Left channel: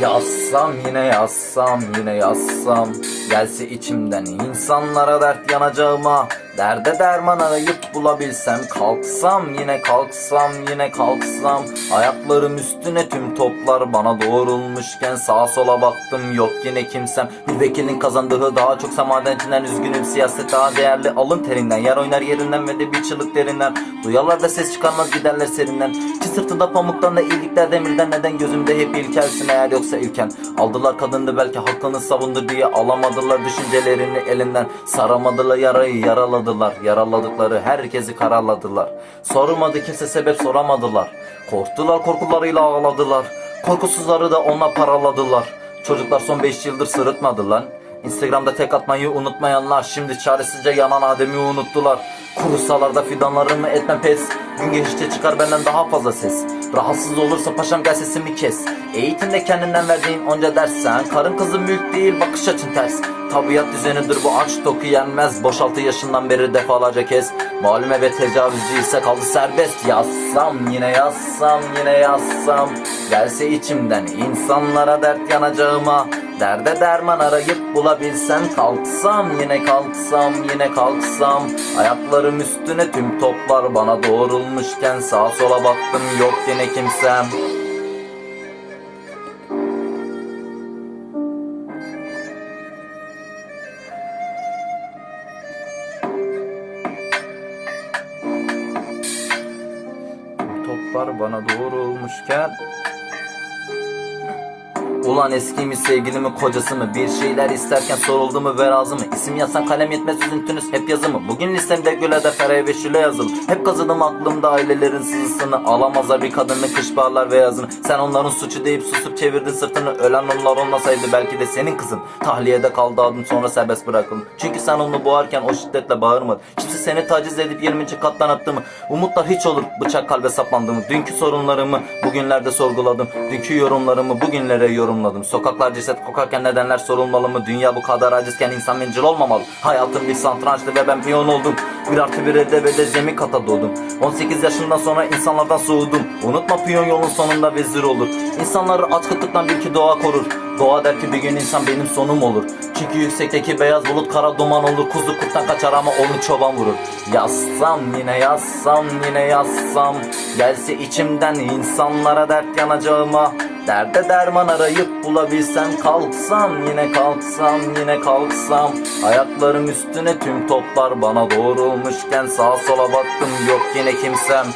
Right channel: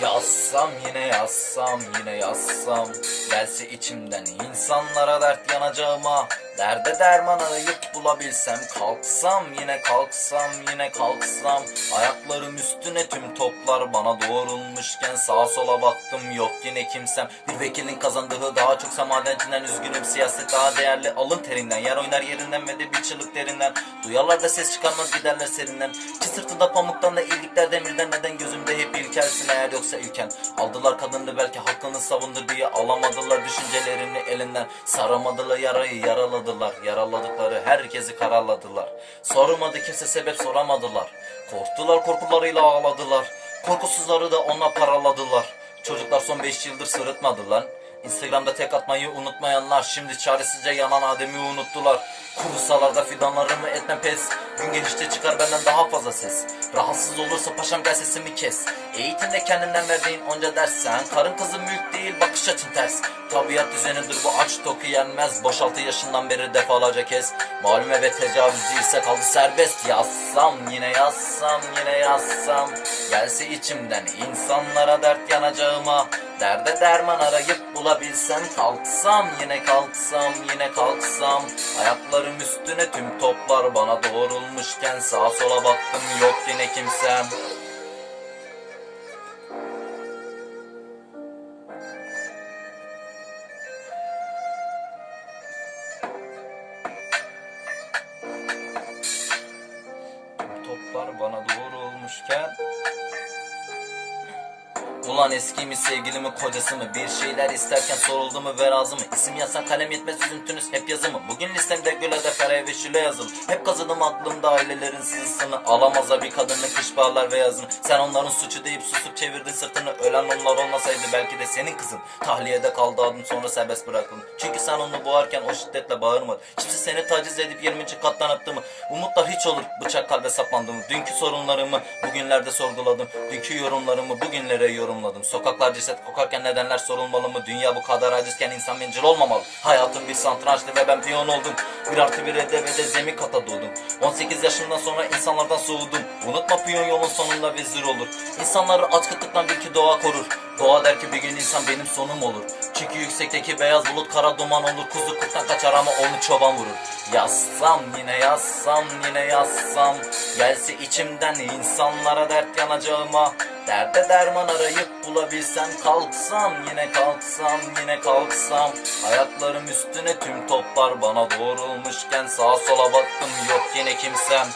Yazsam yine yazsam yine yazsam. Gelse içimden insanlara dert yanacağıma Derde derman arayıp bulabilsem Kalksam yine kalksam yine kalksam Ayaklarım üstüne tüm toplar bana doğrulmuşken Sağa sola baktım yok yine kimsem. Bir vekilin kazandığı daha çok madencinden Üzgünüm siyaset daha değerli. Alın terinden Yer oynar yerinden ve de bir çığlık derinden. Duyarlar da ses çıkarmaz giderler serinden. Ki sırtında pamuktan da iyilikler demirden Neden gözümde hep ilkelsin eğer yoksa ilken. Aldılar kadını belki hakkını savundu diye Alamadılar düşüncelerini elinden. Saramadılar yarayı yaraladılar Yaraladıkları herkesi karaladılar Sormadı kimse sebep soramadılar. Korktular korkularıyla ağladılar. Korkusuzları da ona paraladılar. Çocuklar son 5 yıldır sırıtmadı lan Instagram'da tek atmayı unutmayanlar Şimdi çaresizce yanan Adem'i unuttular. Kurusalarda fidanlarımı etmem pes? Gün geçtikçe çıkar benden daha fazla ses. Rahatsız olursa paşam gel sesimi kes. Eğitimde kendinden verdiğin onca dersen Karın kızı mülk değil bakış açın ters. Tabiat düzenidir bu aç toku yenmez. Boş altı yaşından beri defalarca kez Malüme ve tecavüzcü ise kaldı serbest. Yazsam yine yazsam yine yazsam. Gelse içimden insanlara dert yanacağıma Derde derman arayıp bulabilsem Kalksam yine kalksam yine kalksam. Ayaklarım üstüne tüm toplar bana doğrulmuşken Sağa sola baktım yok yine kimsem. Toplar bana doğrulmuşken Ulan eski mi sevgili mi kocası mı? Bir şeyler isterken soruldu mu ve razı mı? İsim yazsan kalem yetmez üzüntünüz hep yazı mı? Bugün listemde güle de fere ve şüle yazılı. Hep kazıdım aklımda ailelerin sızısını. Alamazlar bir kadını kış bağlar ve yazını. Sen onların suçu deyip susup çevirdin sırtını. Ölen onlar olmasaydı belki de senin kızın. Tahliyede kaldı adım sonra serbest bırakıldı. Çünkü sen onu boğarken o şiddetle bağırmadı. Kimse seni taciz edip 20. kattan attı mı Umutlar hiç olur bıçak kalbe saplandı mı Dünkü sorunlarımı bugünlerde sorguladım Dünkü yorumlarımı bugünlere yorumladım. Sokaklar ceset kokarken nedenler sorulmalı mı? Dünya bu kadar acizken insan bencil olmamalı. Hayatım bir satrançtı ve ben piyon oldum Bir artı bir evde ve de zemin kata doğdum 18 yaşından sonra insanlardan soğudum. Unutma piyon yolun sonunda vezir olur. İnsanları aç kıtlıktan bil ki doğa korur. Doğa der ki bir gün insan benim sonum olur. Çünkü yüksekteki beyaz bulut kara duman olur. Kuzu kurttan kaçar ama onu çoban vurur. Yazsam yine yazsam yine yazsam. Gelse içimden insanlara dert yanacağıma Derde derman arayıp bulabilsem Kalksam yine kalksam yine kalksam. Ayaklarım üstüne tüm toplar bana doğrulmuşken Sağa sola baktım yok yine kimsem